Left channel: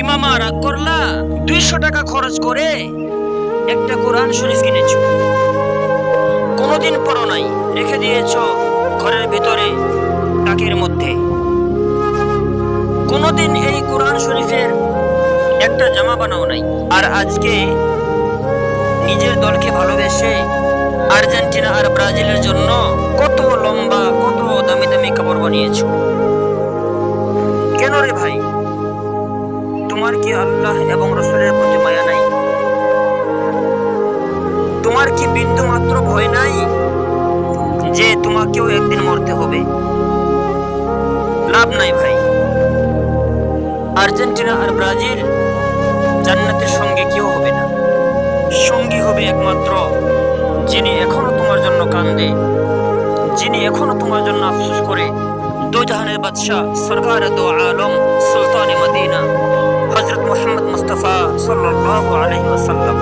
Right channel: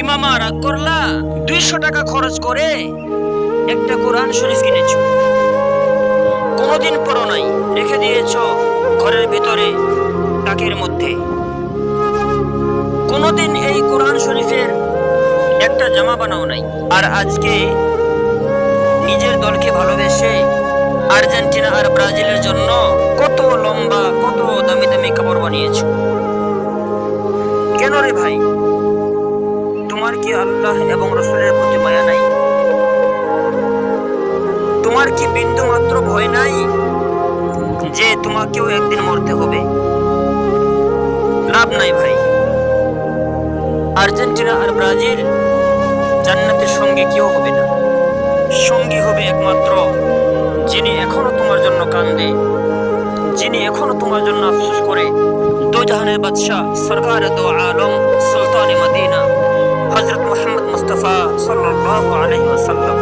কি মামা রাগ করলা? 200 টাকা খরচ করে একটা কোরআন শরীফ কিনেছো, কোনোদিন পড়ো নাই, রেখে দিয়েছো ঘরের ভিতরে তাকের মধ্যে। কোনোদিন এই কোরআন শরীফের একটা জামা বানাও নাই। আর আজকে নিজের দলকে ভালোবেসে আর্জেন্টিনা আর ব্রাজিলের জন্য কত লম্বা কত দামি দামি কাপড় বানিয়েছো। কেন রে ভাই? তোমার কি আল্লাহ এবং রসুলের প্রতি মায়া নাই? তোমার কি বিন্দু মাত্র ভয় নাই যে তোমাকেও একদিন মরতে হবে? লাভ নাই ভাই। আর্জেন্টিনা আর ব্রাজিল জান্নাতের সঙ্গে কেউ হবে না। সঙ্গী হবে একমাত্র যিনি এখনো তোমার জন্য কান্দে, যিনি এখনো তোমার জন্য আফসোস করে। দো জাহানের বাদশাহ সরকার দো আলম সুলতান মদিনা হযরত মুহাম্মদ মুস্তাফা সাল্লাল্লাহু আলাইহি ওয়াসাল্লাম।